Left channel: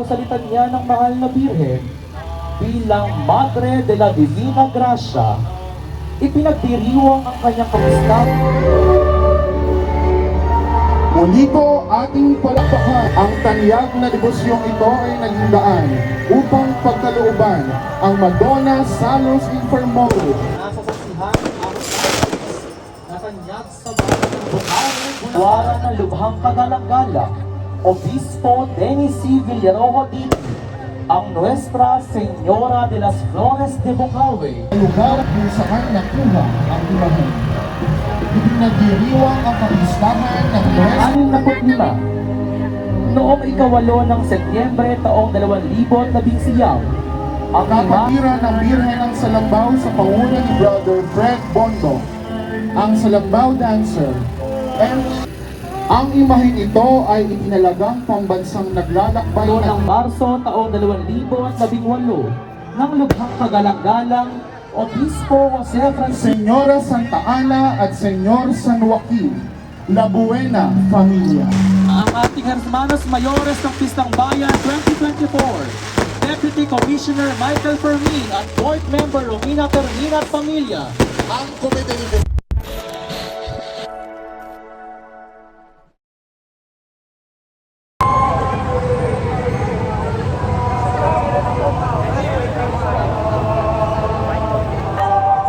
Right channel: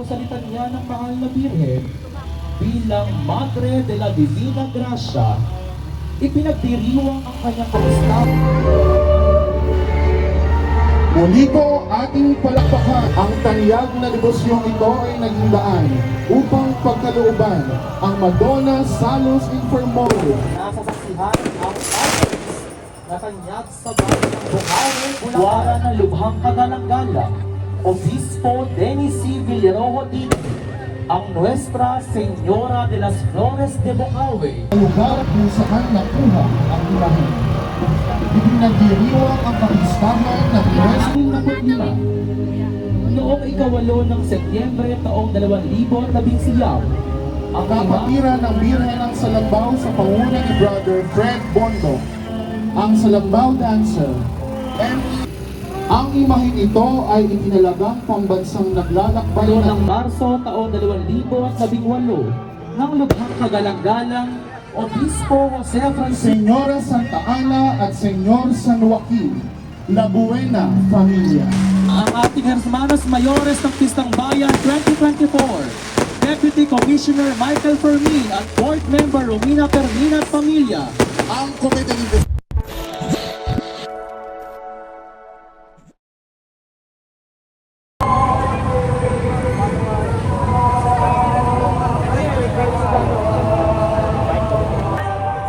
Sa litanya ng mahal na Birhen bilang Madre de la Divina Gracia, ipinagdiriwang ang kanyang kapistahan. Muli po ating palakpakan ang tanyag na devosyong ito ay naging daan upang pagkalooban ang Madonna Salus Infermorum. Nasasaksihan ang natanyag sa Buwara ng Lubhang Kagalang-galang, Obispo Dennis C. Villarojo Titi, ang Nuestra Señora de las Flores de Bukawi. Lugar kung saan nakuha ang imahen. Ipinagdiriwang ang kapistahan ng Nuestra 65. Noong ikawalo ng Setyembre taong 2011, ang kapatira ng Birhen ng Salambaw sa panguna ni Brother Fred Bondo, ang Salambaw Dancer, and ang imahen ito ay itinalagang pambansang naglalakbay ng Marso taong 2018 ng Lubhang Kagalang-galang, Obispo Jose Francisco Senyora Santa Ana at Senyor San Joaquin, La Buena Familia. ang ating Hermanos Mayores ng Pistang Bayan 2024, Deputy Commissioner Michael Fermin at Board Member Romina Carmina at Pamilya. Ang Komite ng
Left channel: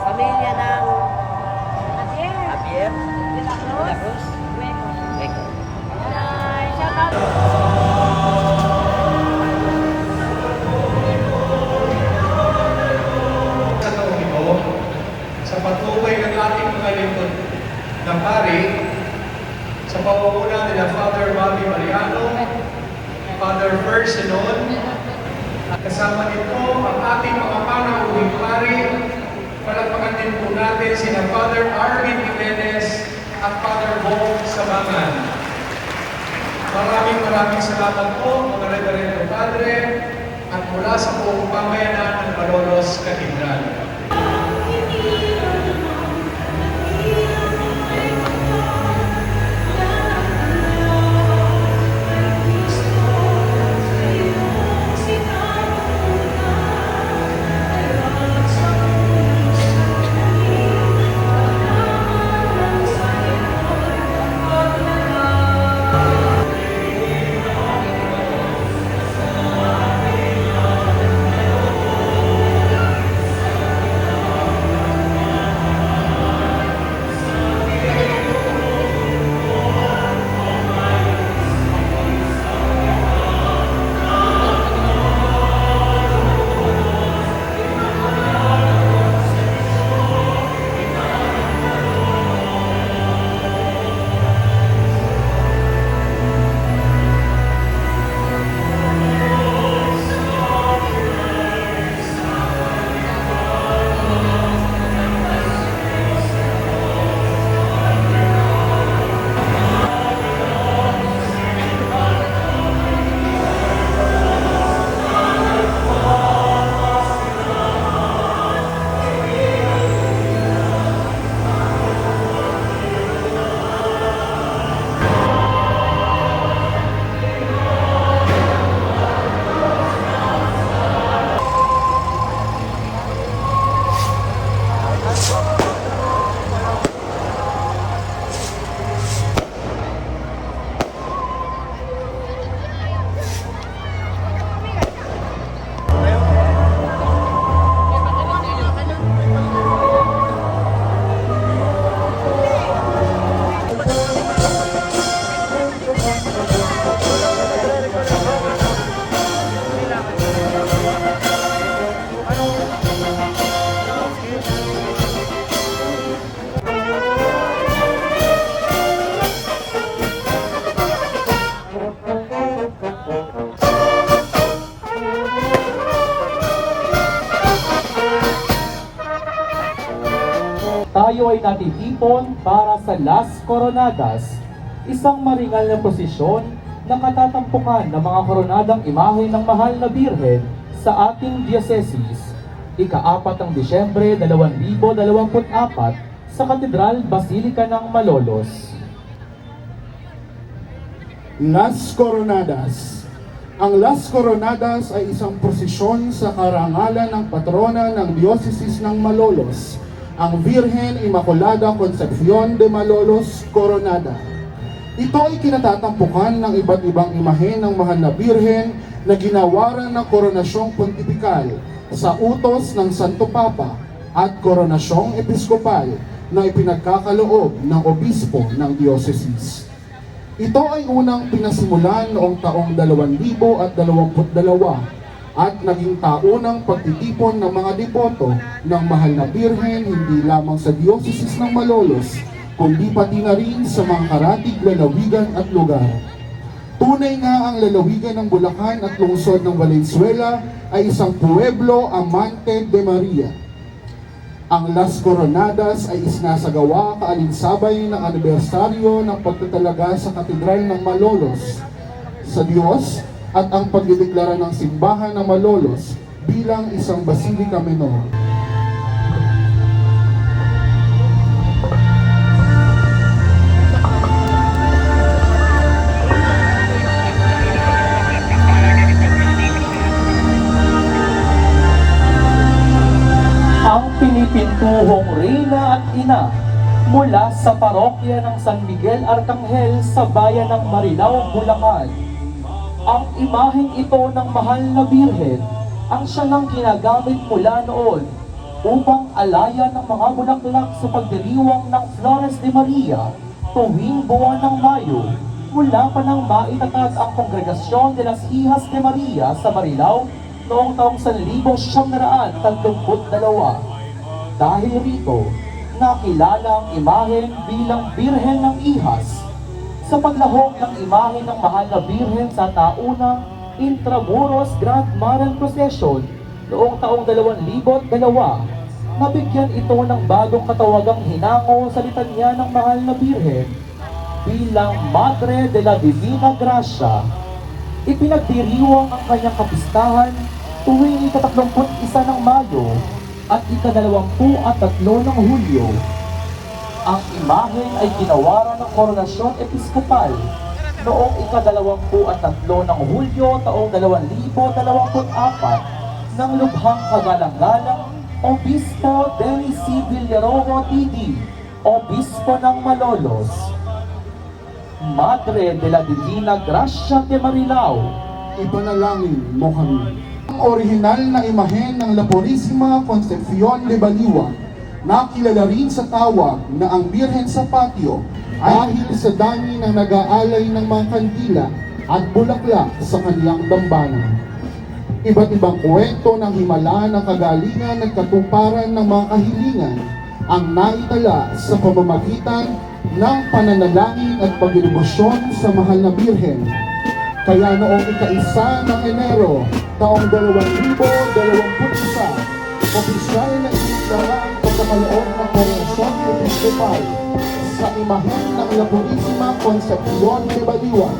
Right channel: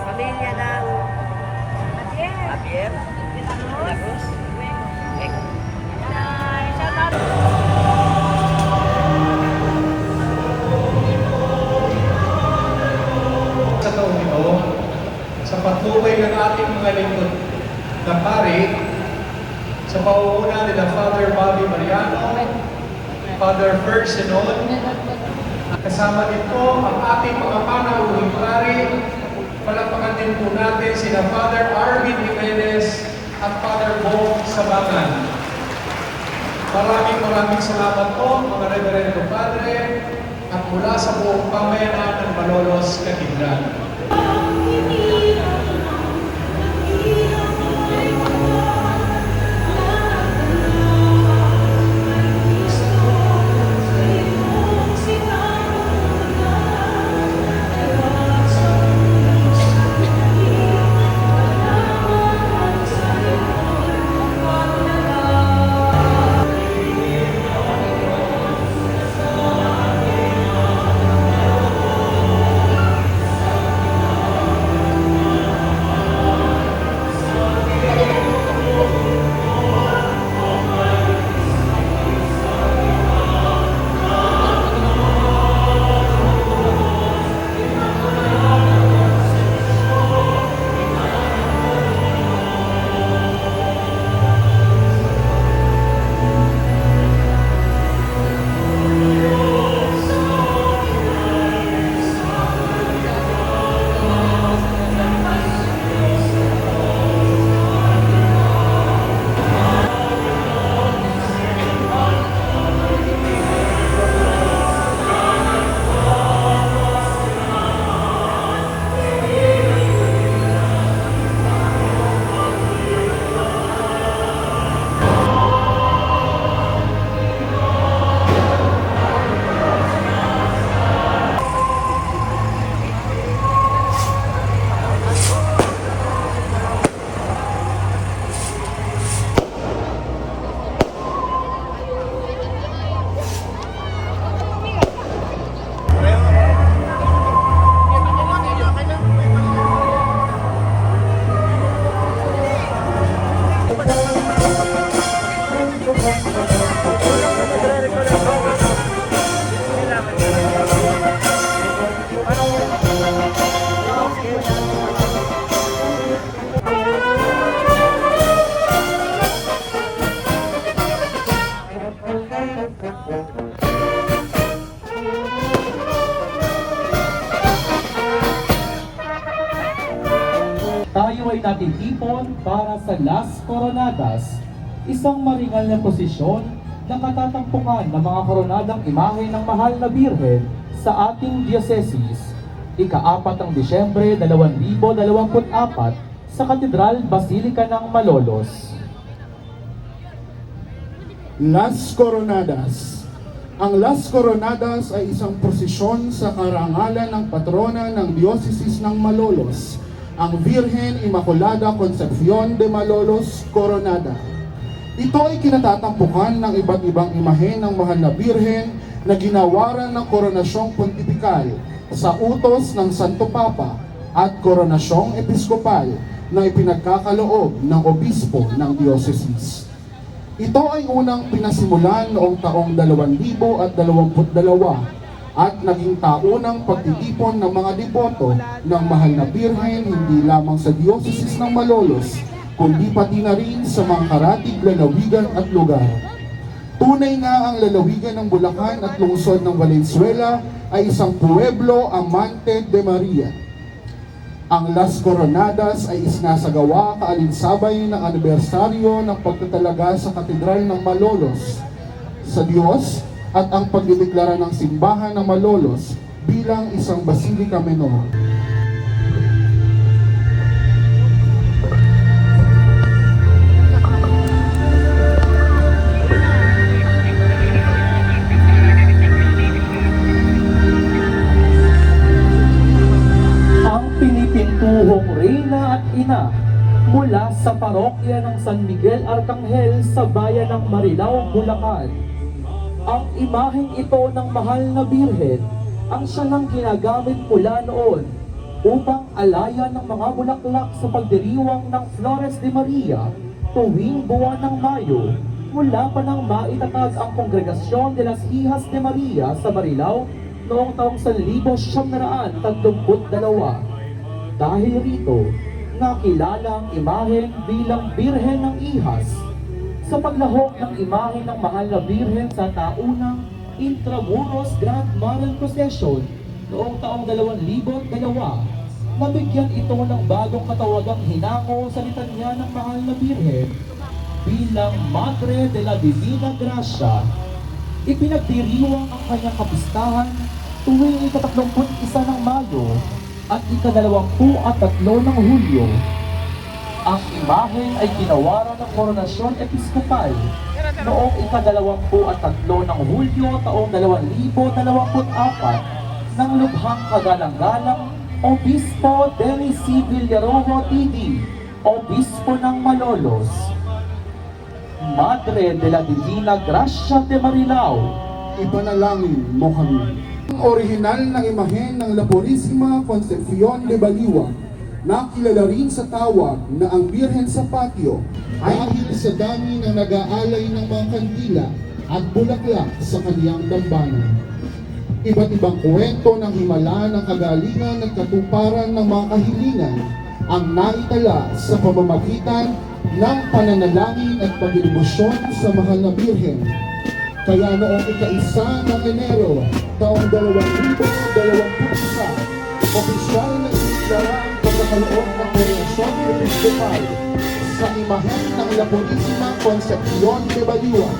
Pamilya ng Javier Lacruz. Sa taong ito, sa patuloy ng ating mga lingkod na pari, sa pauuna nila Father Bobby Mariano, Father Fer Senon, kasama nito ang ating mga panauhing pari, palagpakan din po natin sina Father Arvin Jimenez at Father Bo Sabangan. Maraming salamat po mga Reverendo Padre at mula sa buong pamayanan ng Malolos Cathedral. Tayo ay natitipon para sa Las Coronadas, isang maringal na prosesyon na katatampukan ng mga koronadang imahe ng mahal na Birhen sa ating diocese, ika-4 ng Disyembre 2024 sa Katedral Basilica ng Malolos. Las Coronadas, Ang Las Coronadas ay isang prosesyon sa karangalan ng patrona ng Diocese ng Malolos, ang Virgen Immaculada Concepcion de Malolos Coronada. Ito ay kinatatampukan ng iba't ibang imahe ng mahal na Birhen na ginawaran ng koronasyong pontifikal sa utos ng Santo Papa at koronasyong episkopal na ipinagkakaloob ng obispo ng diocese. Ito ay unang pinasimulan noong taong 2022 at naging taunang pagtitipon ng mga deboto ng mahal na Birhen hindi lamang sa diocese ng Malolos, kundi pati na rin sa mga karatig lalawigan at lugar. Tunay nga ang lalawigan ng Bulacan at lungsod ng Valenzuela ay isang pueblo amante de Maria. Ang Las Coronadas ay isinasagawa kaalinsabay ng anibersaryo ng pagtatalaga sa Katedral ng Malolos sa Diyos at ang pagdideklara ng simbahan ng Malolos bilang isang basilika menor. Pinipintuhong Reyna at Ina mula sa parokya ng San Miguel Arcangel sa bayan ng Marilao, Bulacan. Ang imaheng ito ng mahal na Birhen ang siya nang ginagamit mula noon upang alayan ng mga bulaklak sa pagdiriwang ng Flores de Maria tuwing buwan ng Mayo mula pa nang maitatag ang Kongregasyon de las Hijas de Maria sa Marilao noong taong 1932. Dahil rito, nakilala ang imahen bilang Birhen ng Ihas sa paglahok ng imahen ng mahal na Birhen sa taunang Intramuros Grand Maral Procession noong taong 2002. Nabigyan ito ng bagong katawagang hinango sa litanya ng mahal na Birhen bilang Madre de la Divina Gracia. Ipinagdiriwang ang kanyang kapistahan tuwing ika-31 ng Mayo at ika-23 ng Hulyo. Ang imahen ay ginawaran ng koronasyon episkopal noong ika-23 ng Hulyo taong 2024 ng lubhang kagalang-galang Obispo Dennis C. Villarojo TD, Obispo ng Malolos. Madre de la Divina Gracia de Marilao, Ipanalangin mo kami. Ang orihinal na imahen ng La Purísima Concepcion de Baliwan, na kilala rin sa tawag na ang Birhen sa Patio, dahil sa dami ng nag-aalay ng mga kandila at bulaklak sa kaniyang dambana. Iba't ibang kwento ng himala ng kagalingan at katuparan ng mga kahilingan ang naitala sa pamamagitan ng pananalangin at pagdedebosyon sa mahal na Birhen. Kaya noong ika-1 ng Enero taong 2021, opisyal na inisara ang pagkakaloob ng koronasyon episkopal sa imahen ng La Purísima Concepcion de Baliwan.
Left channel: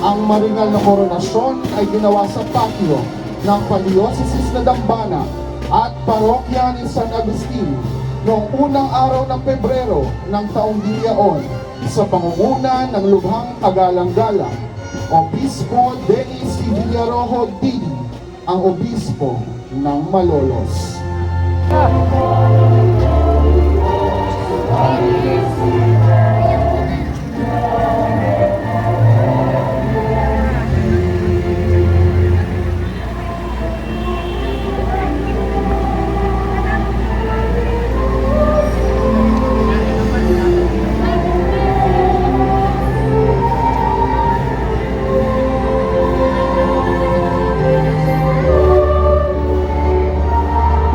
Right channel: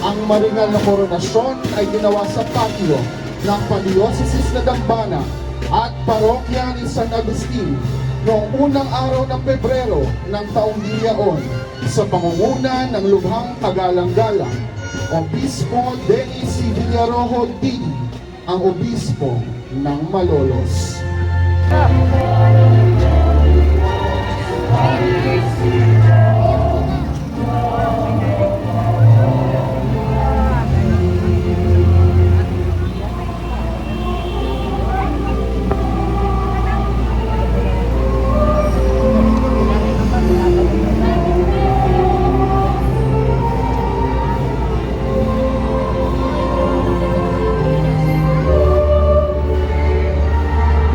Ang maringal na koronasyon ay ginawa sa patio ng Padiocese na Dambana at parokya ni San Agustin noong unang araw ng Pebrero ng taong diyaon sa pangunguna ng lubhang kagalang-galang Obispo Dennis C. Villarojo TD, ang obispo ng Malolos.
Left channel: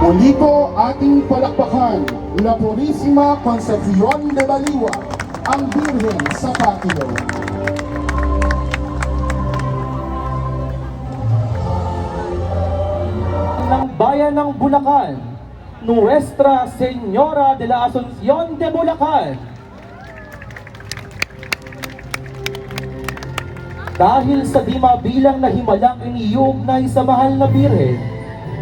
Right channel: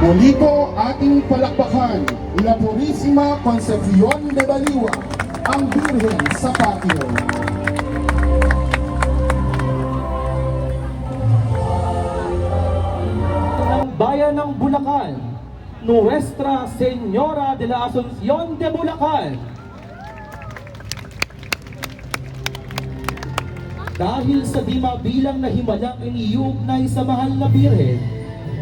Muli po ating palakpakan, La Purísima Concepcion de Baliwan, ang Birhen sa Patio. Ang bayan ng Bulacan, Nuestra Señora de la Asunción de Bulacan. Dahil sa di mabilang na himalang iniuugnay sa mahal na Birhen,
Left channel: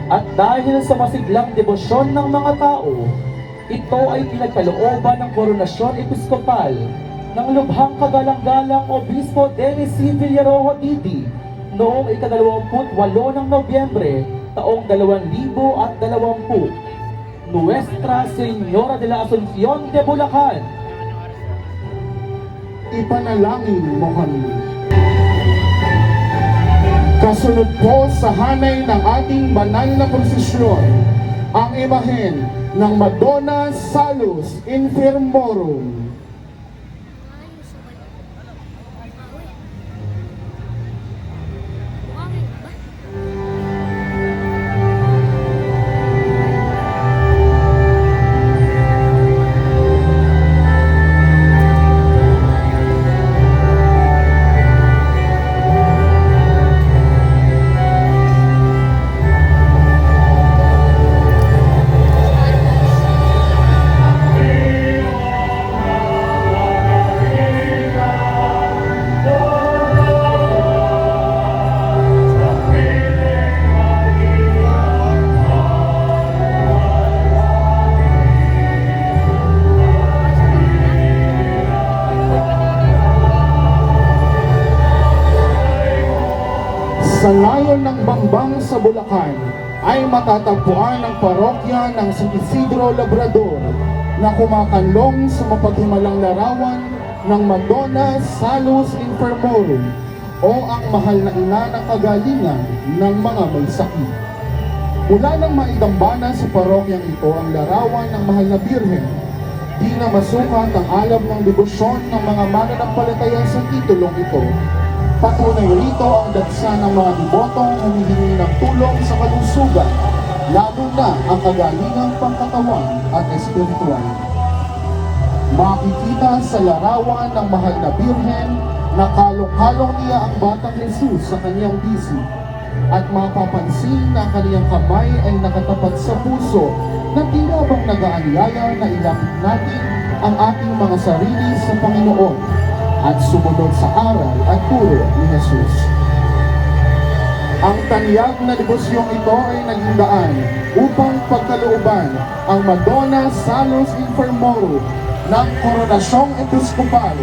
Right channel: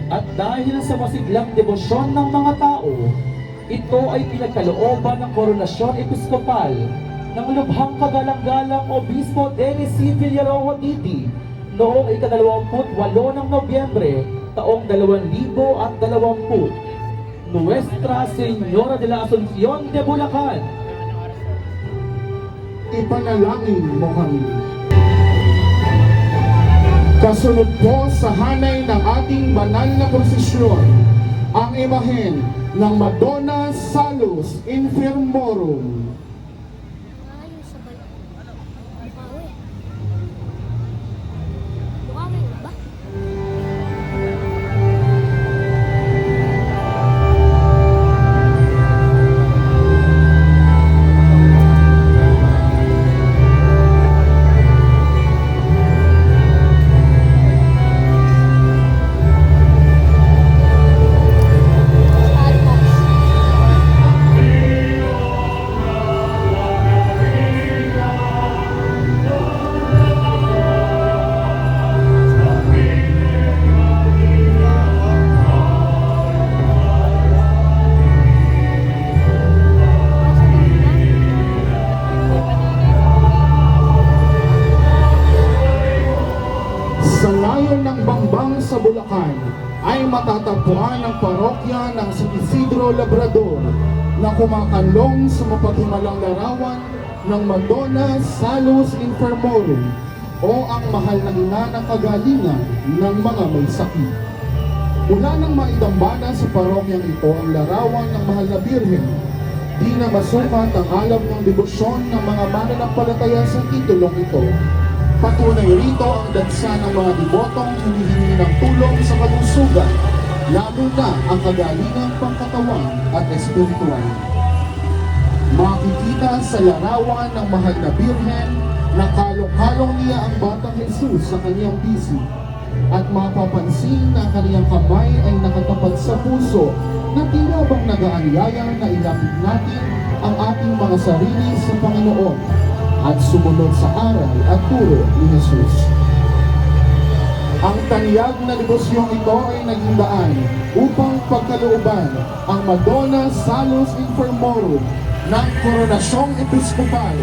at dahil sa masiglang debosyon ng mga tao, ito ay pinagkalooban ng koronasyon episkopal ng lubhang kagalang-galang Obispo Dennis C. Villarojo TD noong ika-28 ng Nobyembre, taong 2020, Nuestra Señora de la Asunción de Bulacan. Ipanalangin mo kami. Kasunod po sa hanay ng ating banal na prosesyon, ang imahen ng Madonna Salus Infirmorum. Sa layon ng Bambang sa Bulacan ay matatagpuan ang parokya ng San Isidro Labrador na kumakanlong sa mapaghimalang larawan ng Madonna Salus Infirmorum o ang mahal na ina ng kagalingan ng mga may sakit. Mula nang maidambana sa parokyang ito ang larawan ng mahal na Birhen, di na masukat ang alam ng debosyon ng mga mananampalataya sa titulong ito. Patunay rito ang dagsa ng mga debotong humihingi ng tulong sa kalusugan, lalo na ang kagalingang pangkatawan at espiritual. Makikita sa larawan ng mahal na Birhen na kalong-kalong niya ang batang Jesus sa kanyang bisig at mapapansin na ang kanyang kamay ay nakatapat sa puso na tila bang nag-aanyaya na ilapit natin ang ating mga sarili sa Panginoon at sumunod sa aral at turo ni Jesus. Ang tanyag na devosyong ito ay naging daan upang pagkalooban ang Madonna Salus Infirmorum ng Koronasyong Episkopal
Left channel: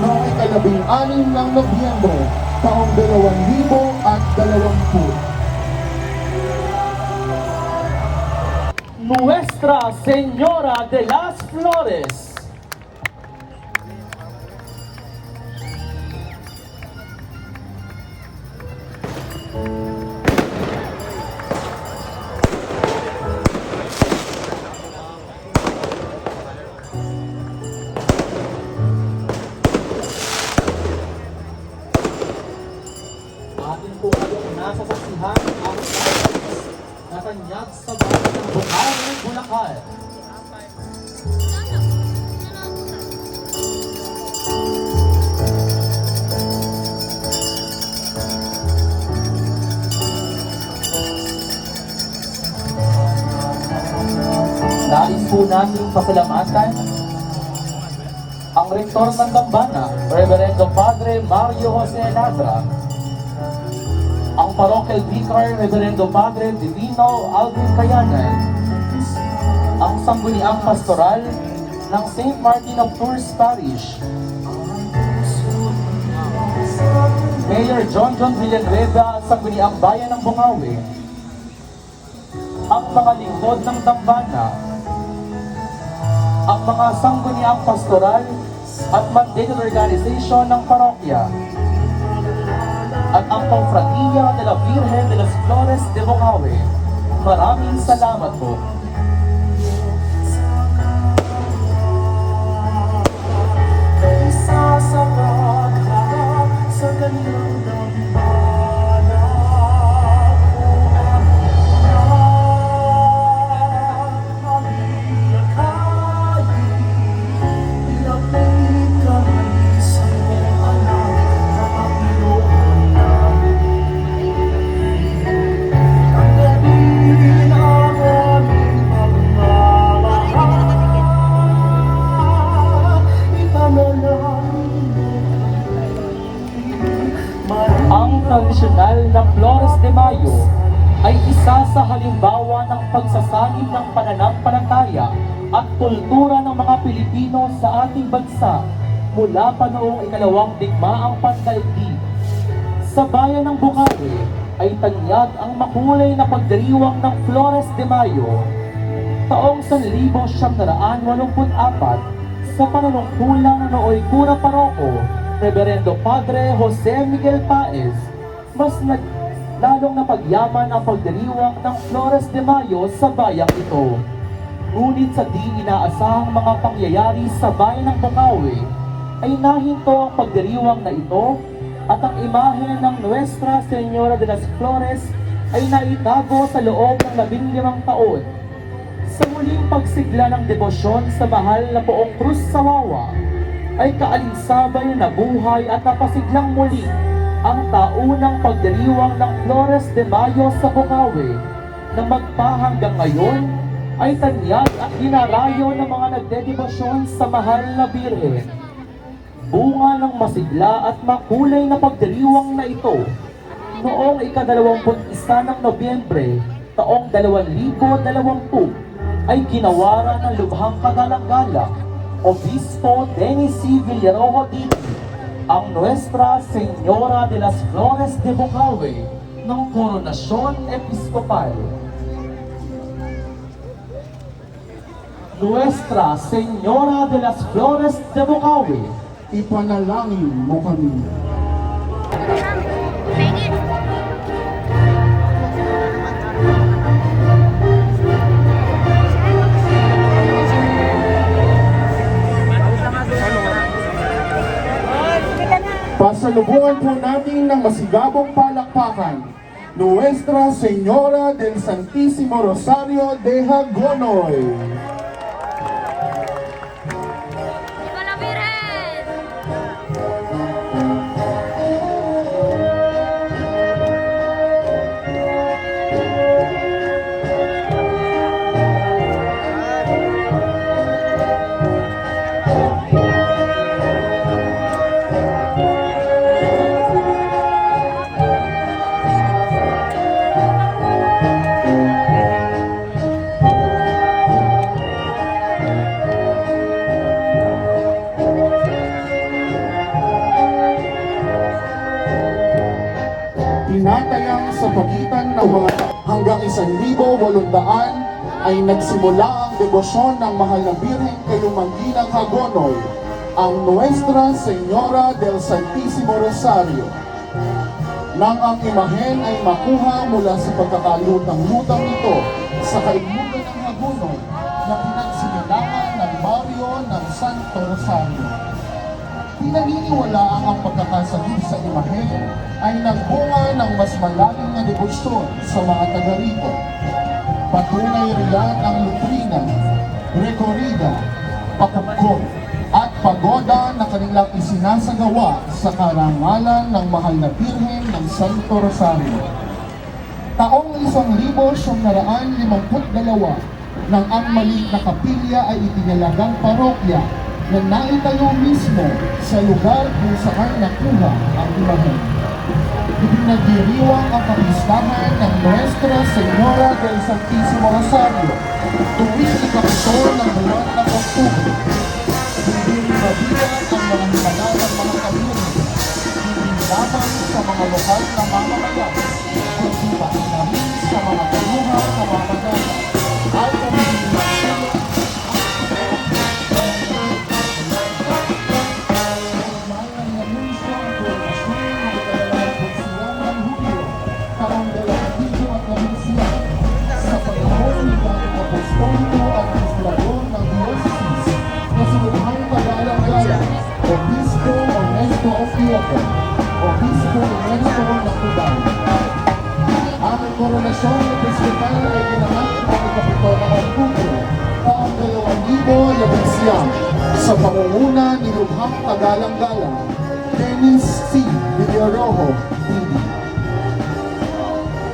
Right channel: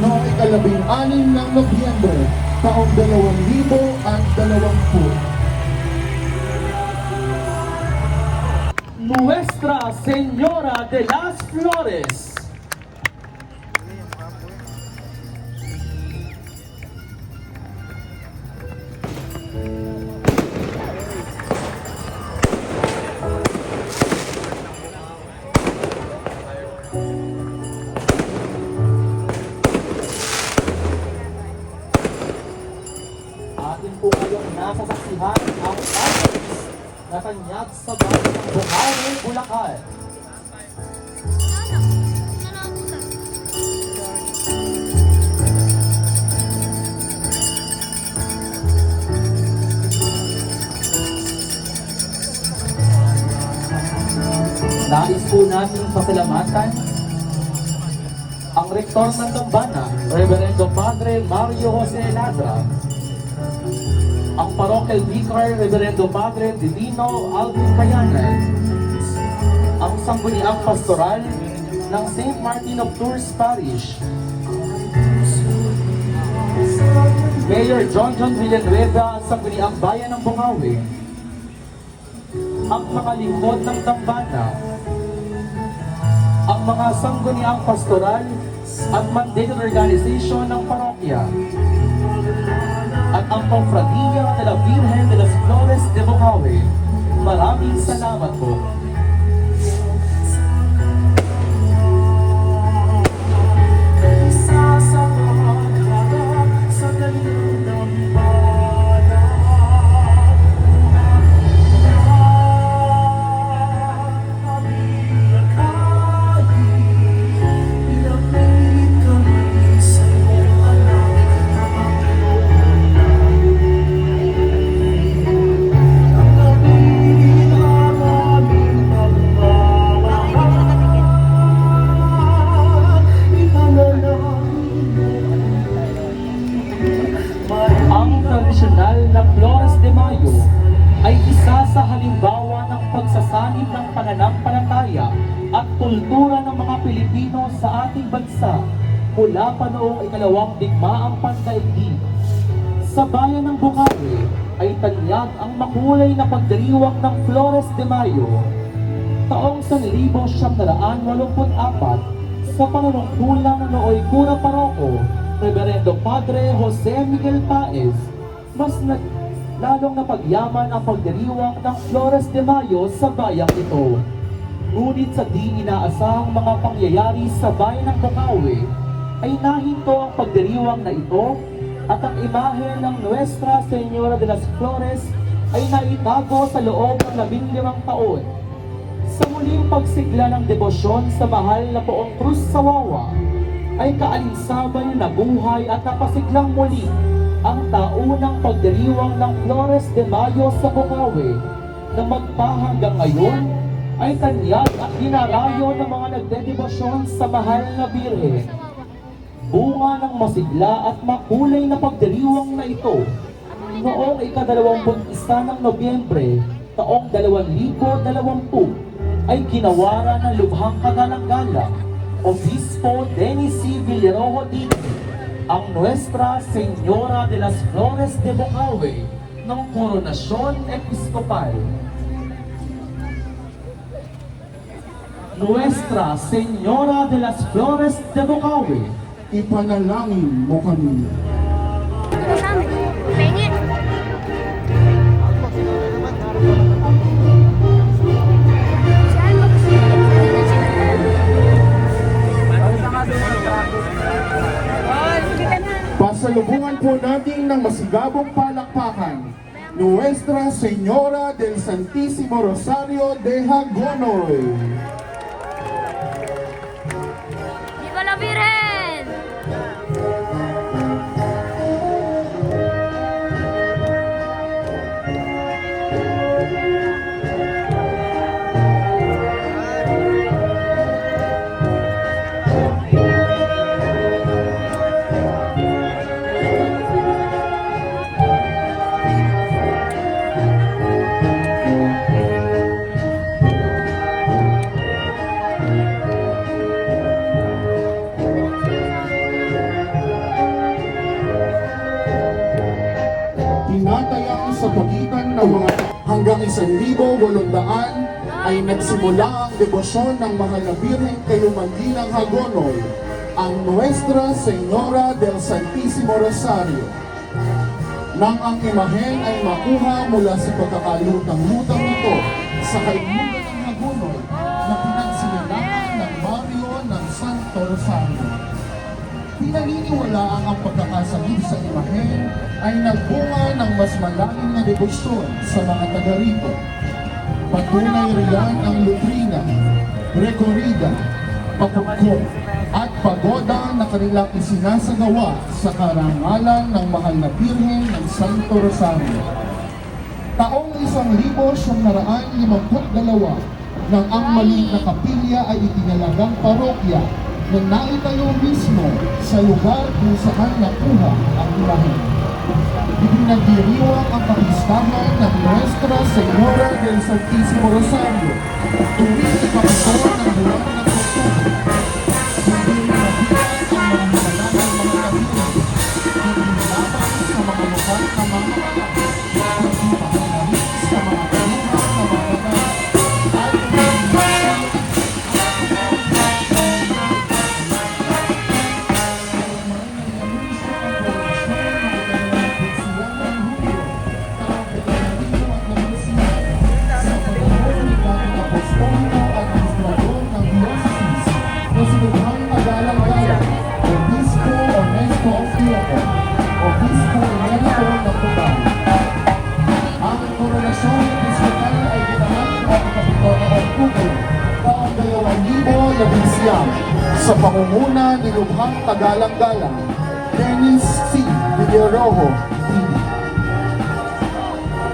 noong ika-16 ng Nobyembre taong 2020. Nuestra Señora de las Flores. Atin po kayong nasasaksihan ang Salus na tanyag sa bahay ng Buhay, Bulacan. Nais po nating pasalamatan ang rektor ng Dambana, Reverendo Padre Mario Jose Labra, ang parochial vicar, Reverendo Padre Divino Alvin Cayanan, ang sangguniang pastoral ng St. Martin of Tours Parish, Mayor John Villanueva at sangguniang bayan ng Bukawi, ang mga lingkod ng Dambana, ang mga sangguniang pastoral at mandated organization ng parokya, at ang Confratilla de la Virgen de las Flores de Bukawi. Maraming salamat po. Tradisyonal na Flores de Mayo ay isa sa halimbawa ng pagsasanib ng pananampalataya at kultura ng mga Pilipino sa ating bansa mula pa noong ikalawang digmaang pandaigdig. Sa bayan ng Bukawi ay tanyag ang makulay na pagdiriwang ng Flores de Mayo taong 1984 sa panunungkulan ng nooy Cura Paroko, Reverendo Padre Jose Miguel Paez. Mas lalong napagyaman ang pagdiriwang ng Flores de Mayo sa bayang ito. Ngunit sa di inaasahang mga pangyayari sa bayan ng Bukawi, ay nahinto ang pagdiriwang na ito at ang imahe ng Nuestra Señora de las Flores ay naitago sa loob ng 15 taon. Sa muling pagsigla ng debosyon sa mahal na Poong Cruz sa Wawa, ay kaalinsabay na nabuhay at napasiglang muli ang taunang pagdiriwang ng Flores de Mayo sa Bukawi na magpahanggang ngayon ay tanyag at dinarayo ng mga nagdedebosyon sa mahal na Birhen. Bunga ng masigla at makulay na pagdiriwang na ito, noong ika-21 ng Nobyembre, taong 2020, ay ginawaran ng lubhang kagalang-galang Obispo Dennis C. Villarojo Dito, ang Nuestra Señora de las Flores de Bukawi ng Koronasyon Episkopal. Nuestra Señora de las Flores de Bukawi, Ipanalangin mo kami. Pasalubungan po natin ng masigabong palakpakan, Nuestra Señora del Santísimo Rosario de Hagonoy. ¡Viva la Virgen! Tinatayang sa pagitan ng mga hanggang 1,800 ay nagsimula ang debosyon ng mahal na Birhen kay Umanginang Hagonoy, ang Nuestra Señora del Santísimo Rosario. Nang ang imahen ay makuha mula sa pagkakalutang-lutang nito sa kaimugan ng Hagonoy na pinagsinilangan ng baryo ng Santo Rosario. Pinaniniwalaan ang pagkakasagip sa imahen ay nagbunga ng mas malaking na debosyon sa mga taga rito. Patunay riyan ang lutrina, rekorida, pakukot, at pagoda na kanilang isinasagawa sa karangalan ng mahal na Birhen ng Santo Rosario. Taong 1952 nang ang maliit na kapilya ay itinalagang parokya na naitayo mismo sa lugar kung saan nakuha ang imahen. Ipinagdiriwang ang kapistahan ng Nuestra Señora del Santísimo Rosario tuwing ika-ito ng buwan ng Oktubre. Hindi rin mabilang ang mga pangalan ng mga kapilya, hindi laban sa mga lokal na mamamayan, kundi pagkain sa mga kalungan na mamamayan at ang koronasyon ng Episkopal ay ginanap ang ikapito ng Oktubre, taong 2019 sa pangunguna ni Lubhang Kagalang-Galang, Dennis C. Villarojo, TV.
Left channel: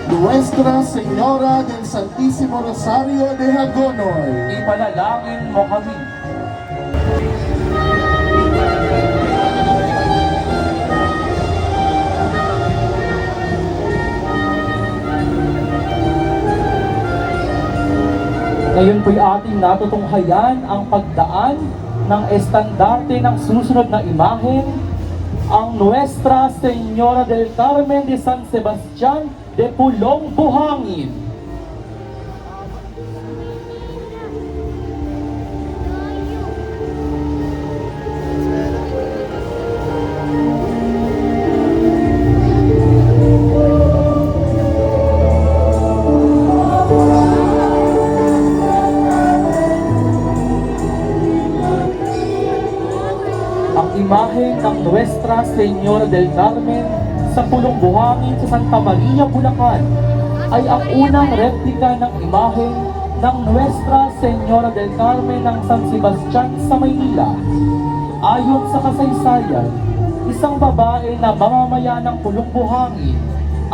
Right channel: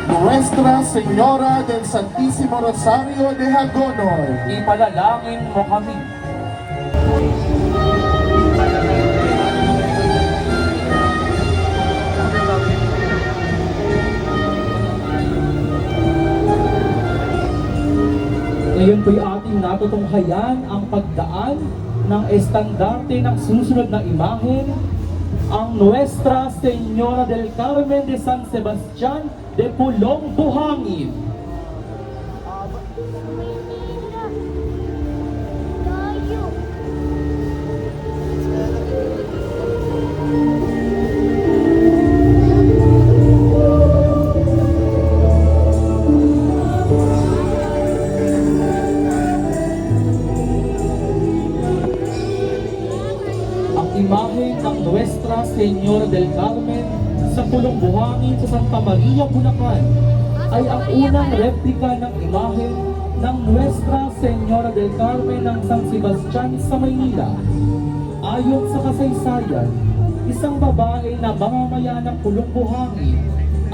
Nuestra Señora del Santísimo Rosario de Hagonoy, ipanalangin mo kami. Ngayon po'y ating natutunghayan ang pagdaan ng estandarte ng susunod na imahen ang Nuestra Señora del Carmen de San Sebastián de Pulong, Buhangin. Ang imahe ng Nuestra Señora del Carmen sa Pulong Buhangin sa Santa Maria, Bulacan ay ang unang replika ng imahe ng Nuestra Señora del Carmen ng San Sebastián sa Maynila. Ayon sa kasaysayan, isang babae na mamamayan ng Pulong Buhangin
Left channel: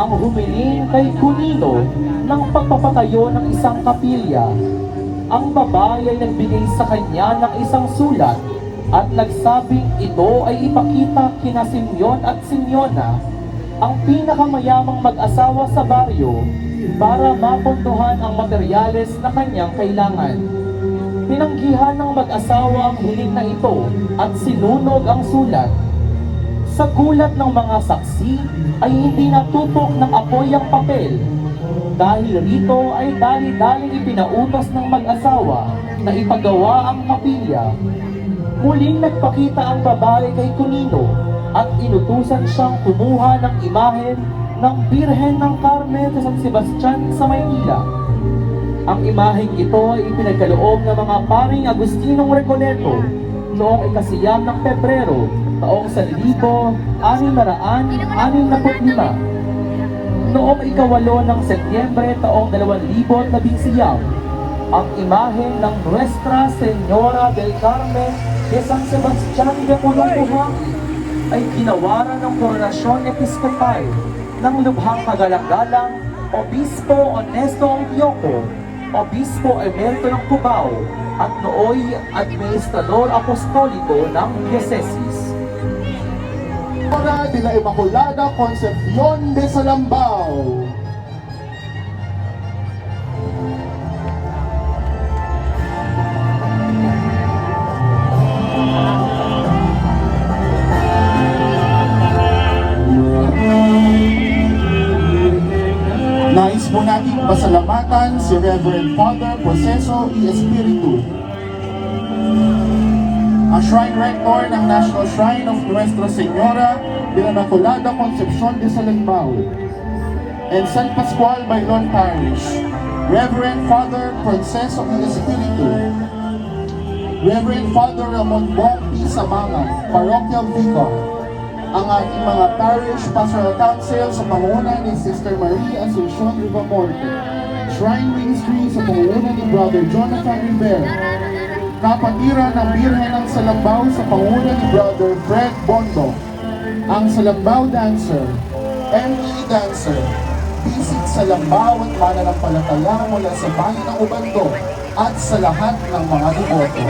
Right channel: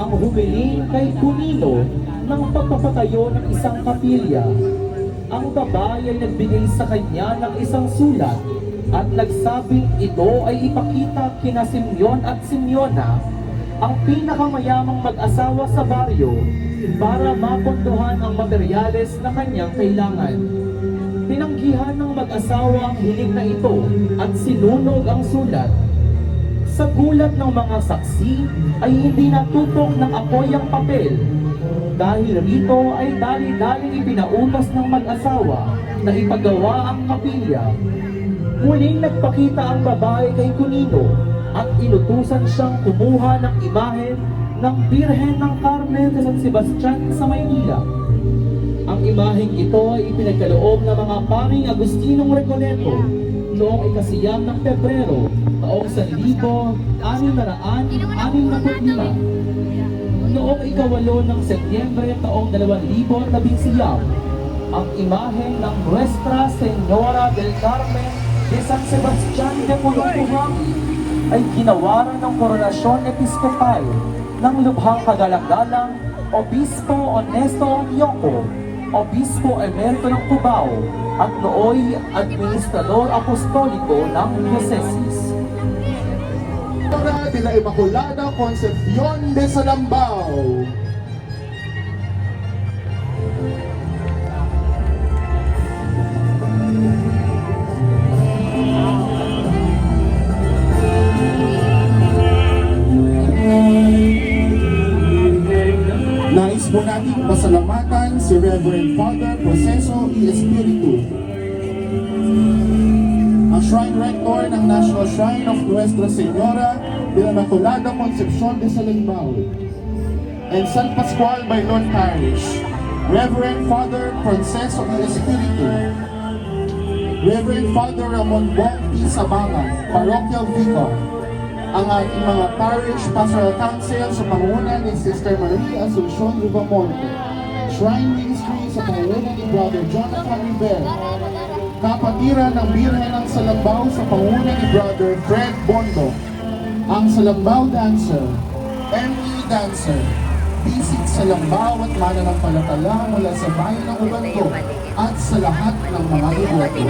ang humiling kay Cunino ng pagpapatayo ng isang kapilya. Ang babae ay nagbigay sa kanya ng isang sulat at nagsabing ito ay ipakita kina Simeon at Simeona, ang pinakamayamang mag-asawa sa baryo, para mapunduhan ang materyales na kanyang kailangan. Tinanggihan ng mag-asawa ang hiling na ito at sinunog ang sulat. Sa gulat ng mga saksi ay hindi natutok ng apoy ang papel. Dahil rito ay dali-daling ipinaunas ng mag-asawa na ipagawa ang kapilya. Muling nagpakita ang babae kay Cunino at inutusan siyang kumuha ng imahen ng Birhen ng Carmen sa San Sebastián sa Maynila. Ang imaheng ito ay ipinagkaloob ng mga paring Agustinong Recoleto noong ikasiyam ng Pebrero taong 1665. Noong ikawalo ng Setyembre taong 2019, ang imahen ng Nuestra Señora del Carmen de San Sebastián de Pulong, Buhangin ay ginawaran ng Koronasyon Episkopal ng Lubhang Kagalang-galang Obispo Honesto Obioco, Obispo Emerito ng Cubao at nooy Administrador Apostoliko ng Diocesis. Para de la Immaculada Concepción de Salambao. Nais po nating pasalamatan si Reverend Father Proceso y Espiritu, ang Shrine Rector ng National Shrine of Nuestra Señora de la Immaculada Concepción de Salambao and San Pascual Bailon Parish, Reverend Father Proceso y Espiritu, Reverend Father Ramon Bonti Samangan, Parochial Vicar, ang ating mga Parish Pastoral Council sa pangunguna ni Sister Marie Asuncion Rivamonte, Shrine Ministry sa pangunguna ni Brother Jonathan Rivera, kapatiran ng Birhen ng Salambao sa pangunguna ni Brother Fred Bondo, ang Salambao Dancer, ME Dancer, Bisig Salambao at mananampalataya mula sa bayan ng Ubando at sa lahat ng mga devoto.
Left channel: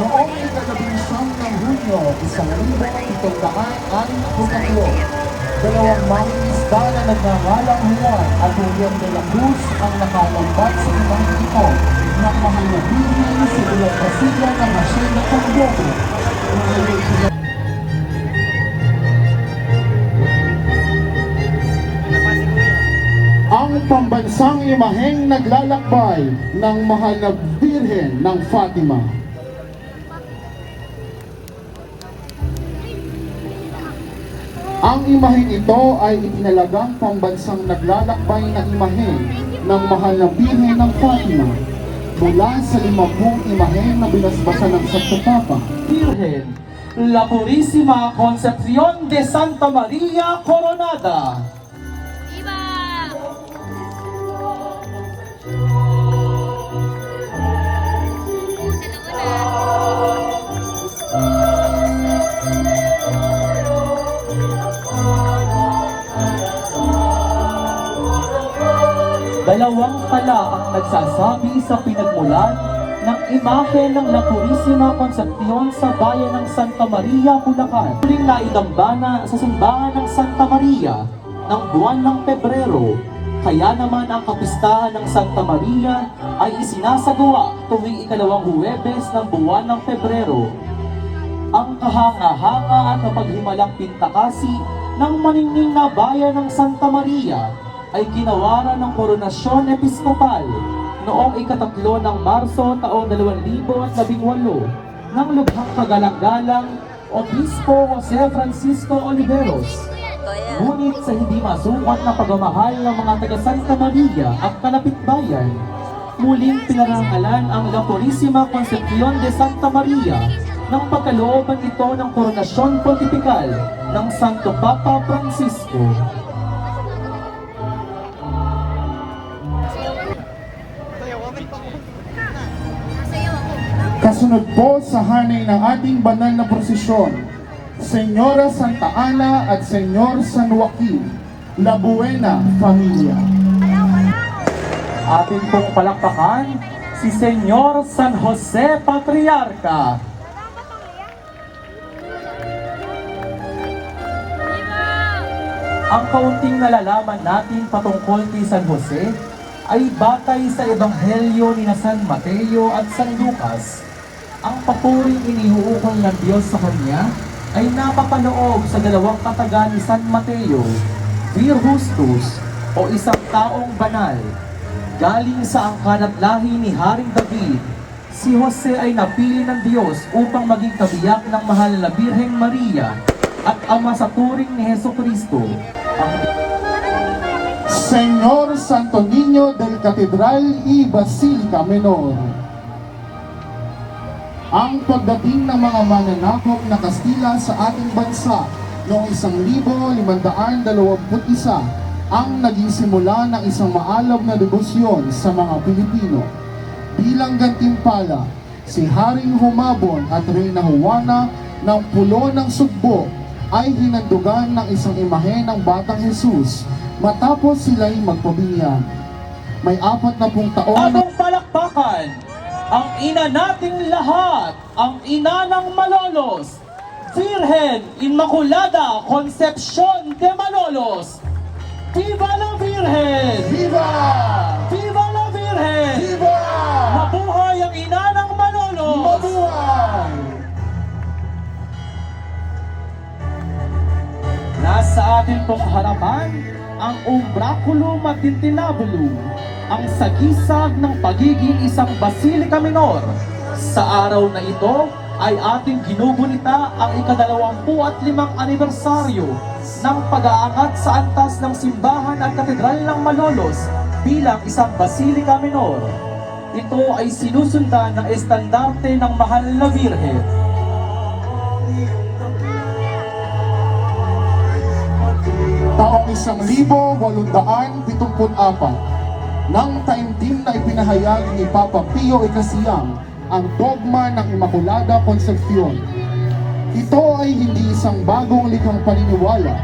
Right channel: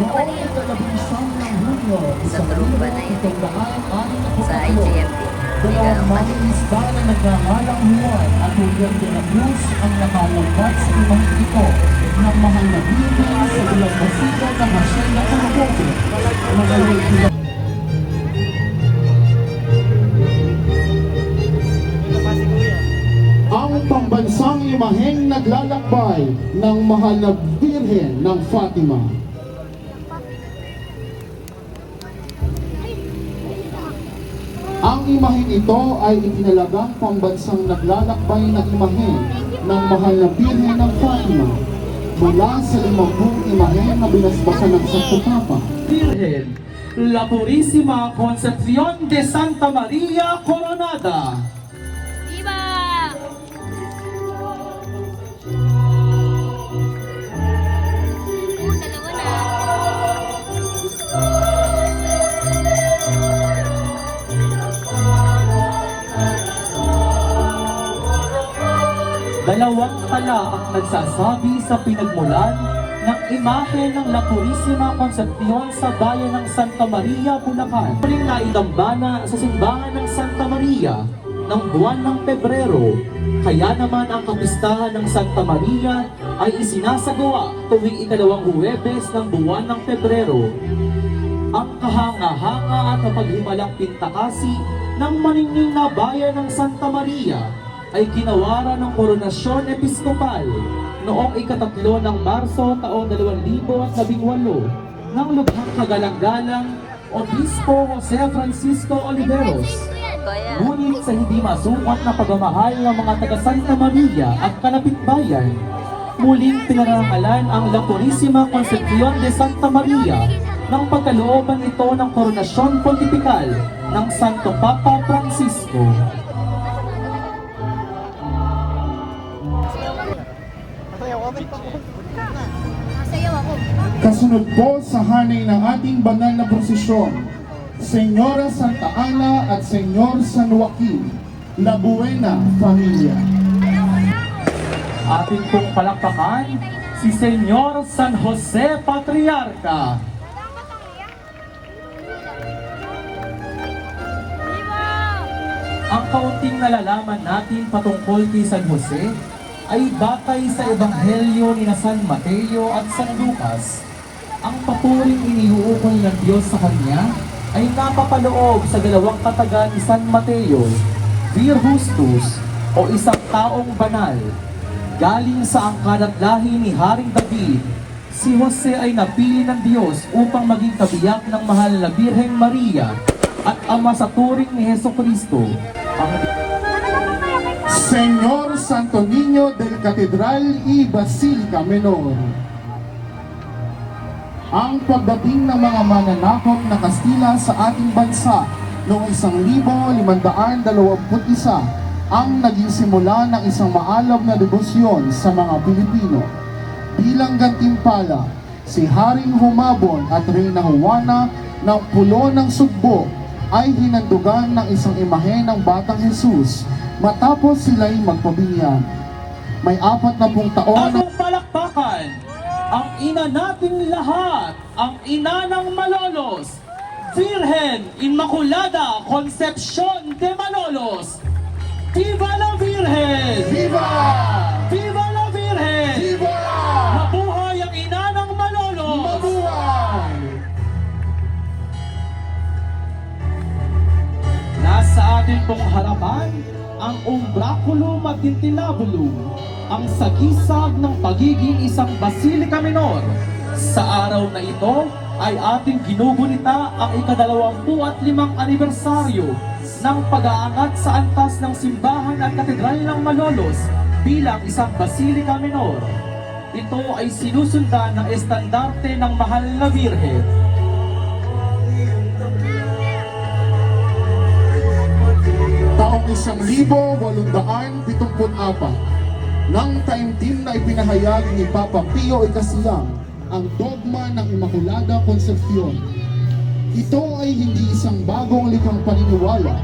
Noong ika-11 ng Hunyo, 1763, dalawang mangingisda na nagngangalang Juan at Julian de la Cruz ang nakalagbat sa ilang ito ng mahal na Birhen sa ilang Brasilia na Masin na Tamboco. Ang pambansang imaheng naglalakbay ng mahal na Birhen ng Fatima. Ang imahen ito ay itinalagang pambansang naglalakbay na imahen ng mahal na Birhen ng Fatima mula sa 50 imahen na binasbasan ng Santo Papa. Birhen, La Purísima Concepción de Santa Maria Coronada. Viva! Dalawang tala ang nagsasabi sa pinagmulan ng imahe ng La Purísima Concepción sa bayan ng Santa Maria, Bulacan. Muling naidambana sa simbahan ng Santa Maria ng buwan ng Pebrero. Kaya naman ang kapistahan ng Santa Maria ay isinasagawa tuwing ikalawang Huwebes ng buwan ng Pebrero. Ang kahanga-hanga at mapaghimalang pintakasi ng maningning na bayan ng Santa Maria ay ginawaran ng koronasyon episkopal noong ika-3 ng Marso taong 2018 ng lubhang kagalang-galang Obispo Jose Francisco Oliveros. Ngunit sa hindi masukat na pagmamahal ng mga taga Santa Maria at kalapitbayan, muling pinarangalan ang La Purísima Concepcion de Santa Maria ng pagkalooban ito ng koronasyon pontifical ng Santo Papa Francisco. Nasayaw ako. Kasunod po sa hanay ng ating banal na prosesyon, Senyora Santa Ana at Senyor San Joaquin, La Buena Familia. Ating pong palakpakan si Senyor San Jose Patriarca. Ang kaunting nalalaman natin patungkol kay San Jose ay batay sa Ebanghelyo ni na San Mateo at San Lucas. Ang papuring iniuukol ng Diyos sa kanya ay napapaloob sa dalawang kataga ni San Mateo, Vir Justus o isang taong banal. Galing sa angkan at lahi ni Haring David, si Jose ay napili ng Diyos upang maging kabiyak ng mahal na Birheng Maria at ama sa turing ni Jesucristo. Ang Senyor Santo Niño del Catedral y Basilica Menor. Ang pagdating ng mga mananakop na Kastila sa ating bansa noong 1521 ang naging simula ng isang maalab na debosyon sa mga Pilipino. Bilang gantimpala, si Haring Humabon at Reyna Juana ng Pulo ng Sugbo ay hinandugan ng isang imahe ng Batang Jesus matapos sila'y magpabinyan. May 40 taon na Anong palakpakan? Ang ina nating lahat, ang ina ng Malolos, Virgen Inmaculada Concepcion de Malolos. Viva la Virgen! Viva! Viva la Virgen! Viva! Mabuhay ang ina ng Malolos! Mabuhay! Nasa atin pong harapan ang umbraculum at tintinabulum, ang sagisag ng pagiging isang Basilica Minor. Sa araw na ito ay ating ginugunita ang ika-25 anibersaryo ng pag-aangat sa antas ng simbahan at katedral ng Malolos bilang isang Basilica Minor. Ito ay sinusundan ng estandarte ng Mahal na Birhen. Taong 1874, nang taimtim na ipinahayag ni Papa Pio Ikasyam ang dogma ng Immaculada Concepcion. Ito ay hindi isang bagong likhang paniniwala,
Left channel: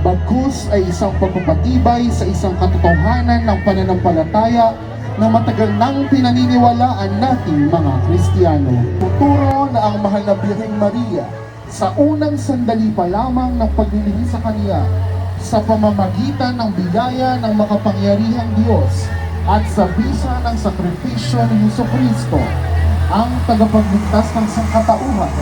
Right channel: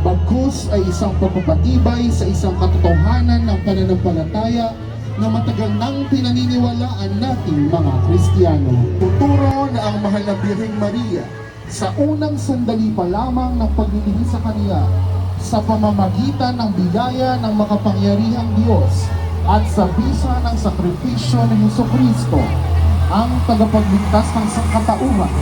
bagkus ay isang pagpapatibay sa isang katotohanan ng pananampalataya na matagal nang pinaniniwalaan nating mga Kristiyano. Tuturo na ang Mahal na Birheng Maria sa unang sandali pa lamang ng paglilingkod sa Kanya sa pamamagitan ng biyaya ng makapangyarihang Diyos at sa bisa ng sakripisyo ni Jesucristo, ang tagapagligtas ng sangkatauhan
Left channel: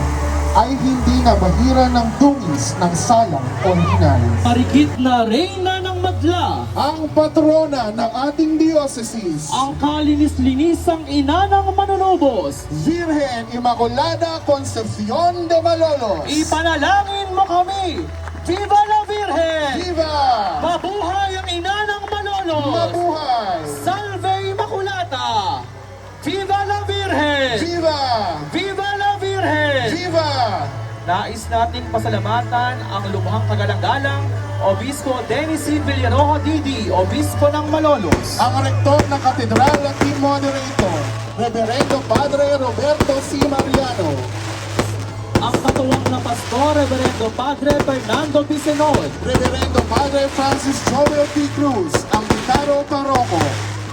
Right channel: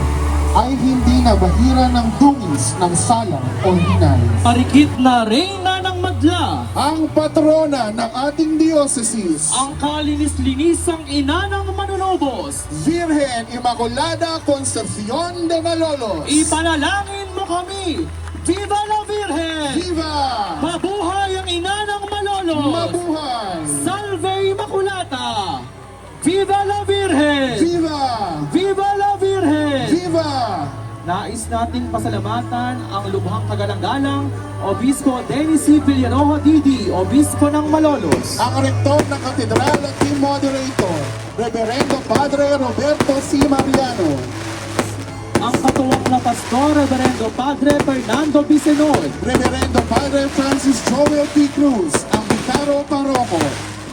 ay hindi nabahira ng dungis ng salang o hinay. Parikit na Reyna ng Madla, Ang patrona ng ating diocese, ang kalinis-linisang ina ng manunubos, Virgen Immaculada Concepcion de Malolos. ipanalangin mo kami! Viva la Virgen! Viva! Mabuhay ang ina ng Malolos! Mabuhay! Salve Immaculata! Viva la Virgen! Viva! Viva la Virgen! Viva! Nais nating pasalamatan ang lubhang kagalang-galang Obispo Dennis C. Villaroja Didi, Obispo ng Malolos. Ang rektor ng katedral at team moderator, Reverendo Padre Roberto C. Mariano. Ang katuwang na pastor, Reverendo Padre Fernando Bisimon. Reverendo Padre Francis Joel P. Cruz, ang Vicaro Paroko.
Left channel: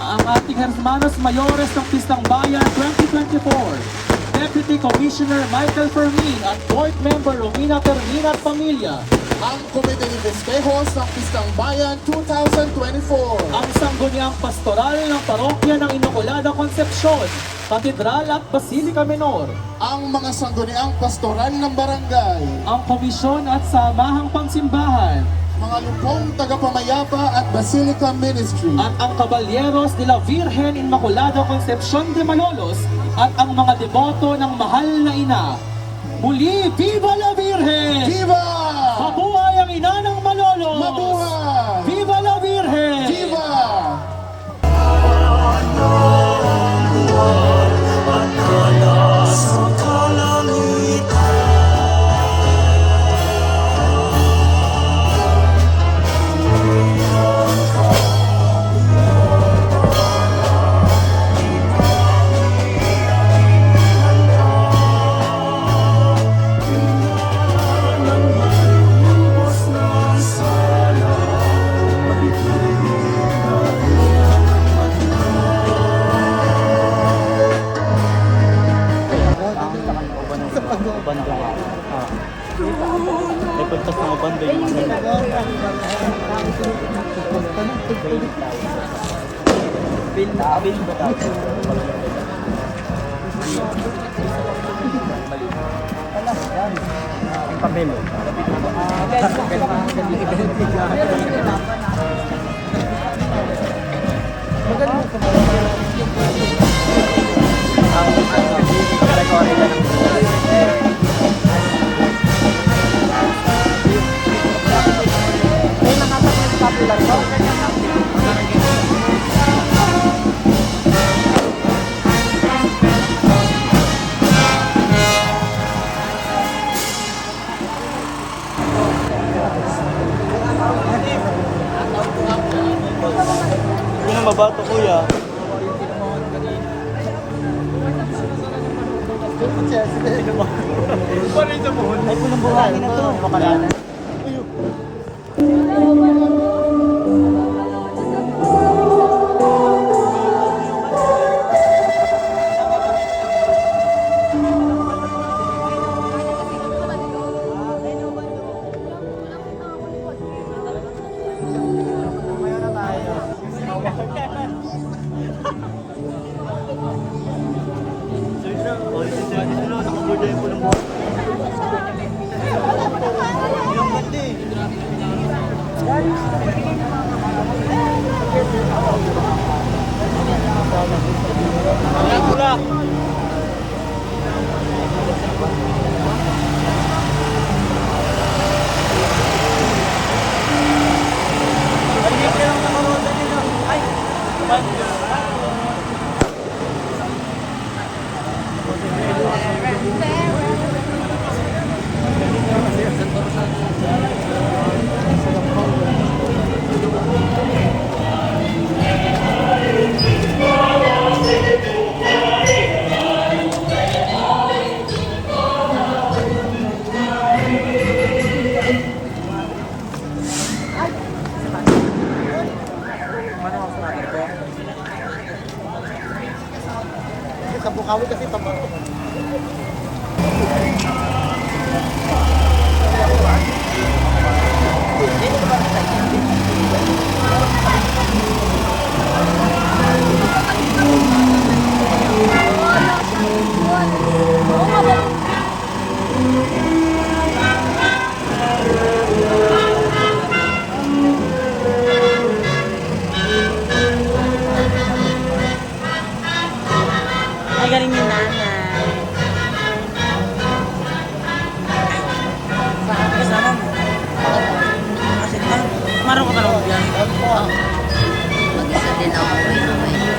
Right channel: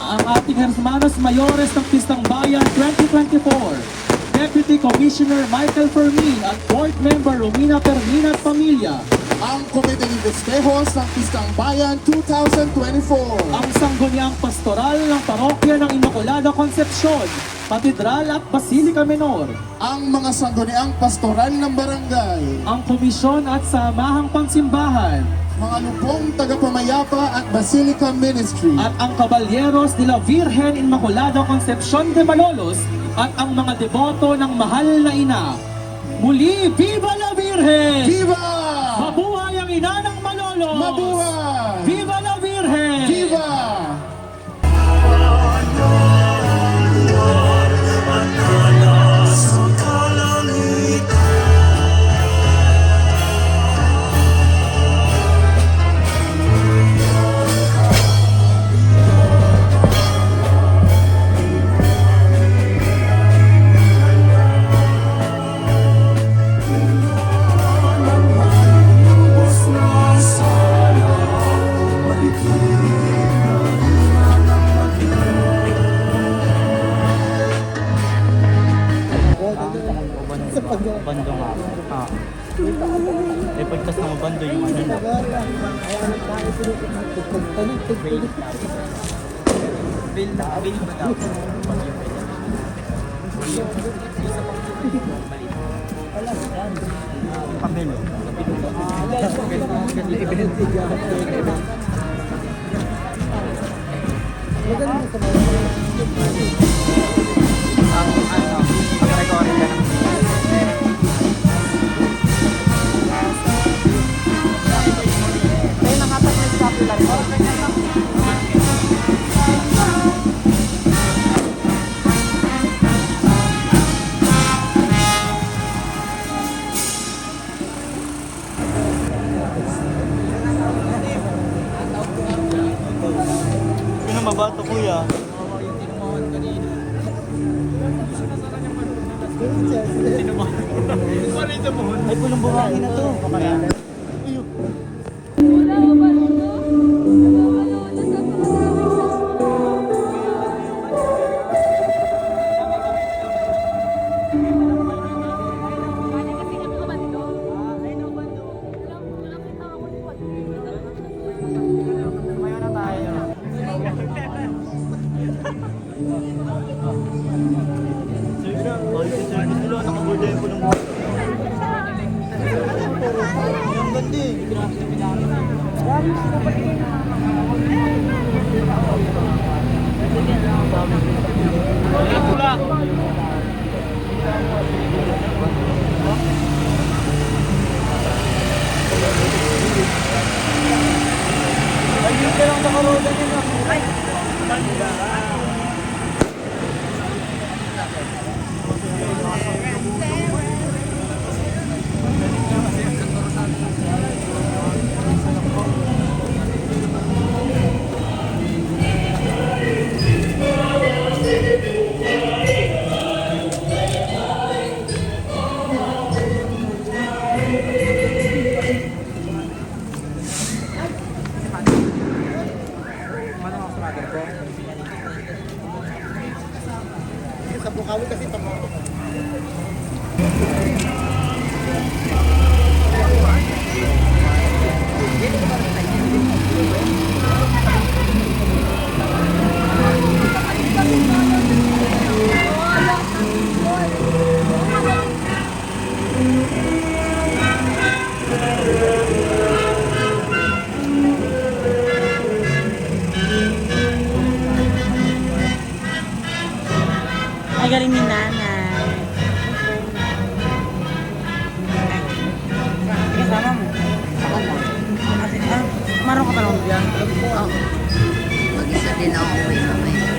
Ang ating Hermanos Mayores ng Pistang Bayan 2024. Deputy Commissioner Michael Fermin at Board Member Romina Termina at Pamilya. Ang Komite Festejos ng Piskang Bayan 2024. Ang sangguniang pastoral ng parokya ng Immaculada Concepcion, Katedral at Basilica Minor, Ang mga sangguniang pastoral ng barangay, ang komisyon at samahang pangsimbahan, mga lupong tagapamayapa at Basilica Ministry, at ang Caballeros de la Virgen Immaculada Concepcion de Malolos at ang mga deboto ng mahal na ina. Muli, Viva la Virgen! Viva! Mabuhay ang ina ng Malolos! Mabuhay! Viva la Virgen! Viva! Pagtas ng bando yung Bill ba tayo? Ang papel. Hindi na mabato kuya. Ay, pulang buhangin na to. Ay, galing ni nanay. Kasama mo? Ako lang. Marunong ka pa lang yan? Oo. Mag-isa din ako uwi mamaya.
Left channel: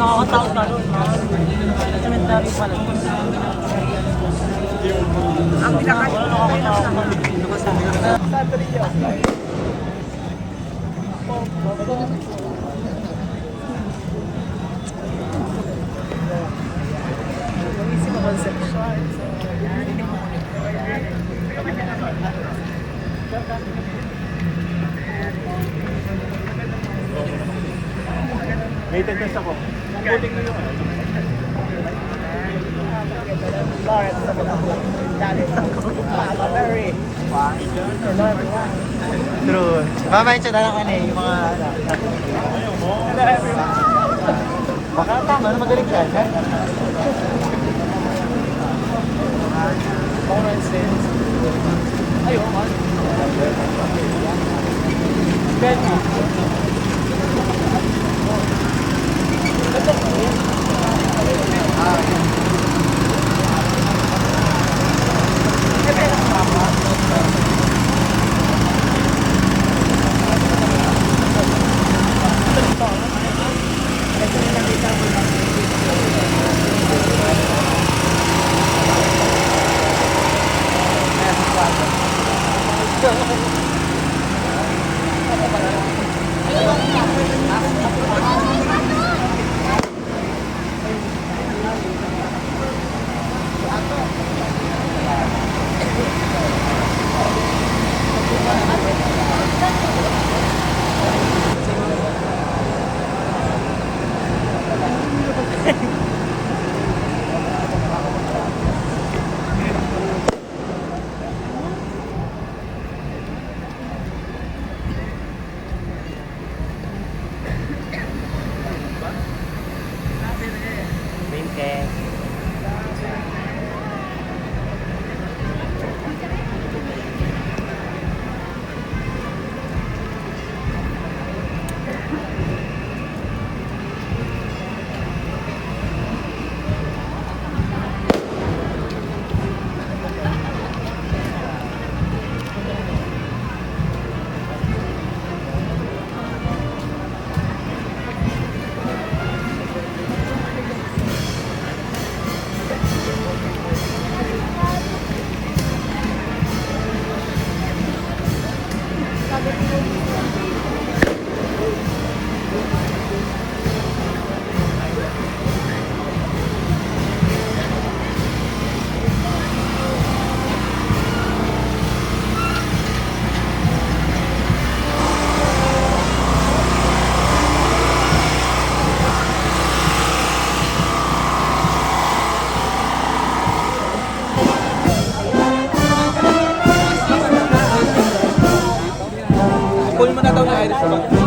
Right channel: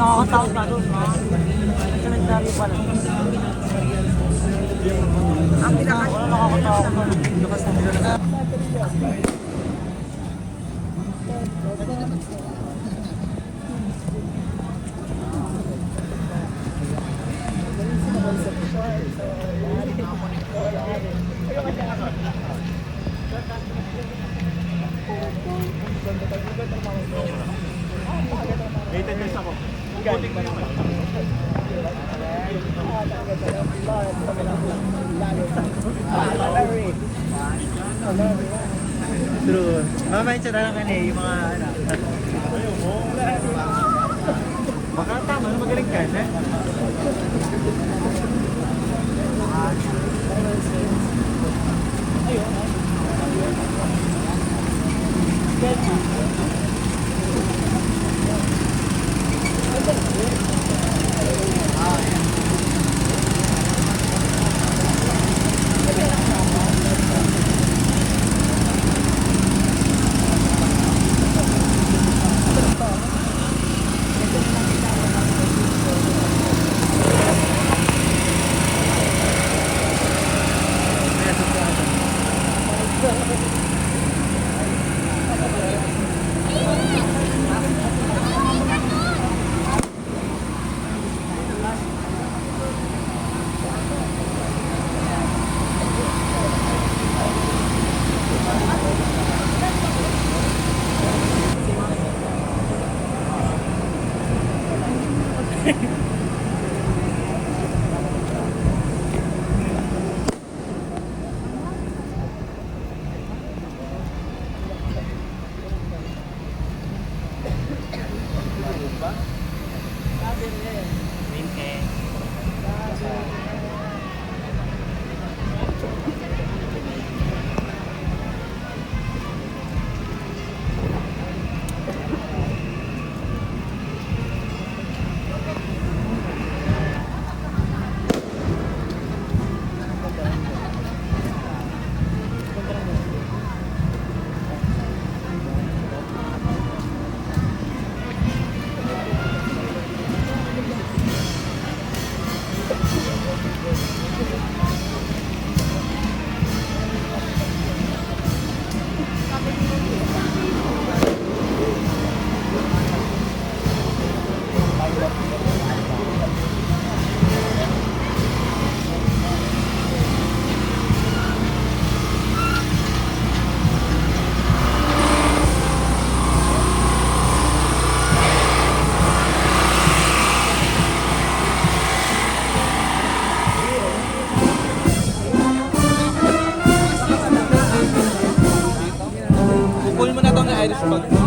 Nakakatakot ka doon. Cemetery pa rin. Rated best ako. Buting mo yung ano. True. Mamaya siya na lang ano yung mga ano. Baka tama na magaling ka, ha? Pull mo na itong iris ko.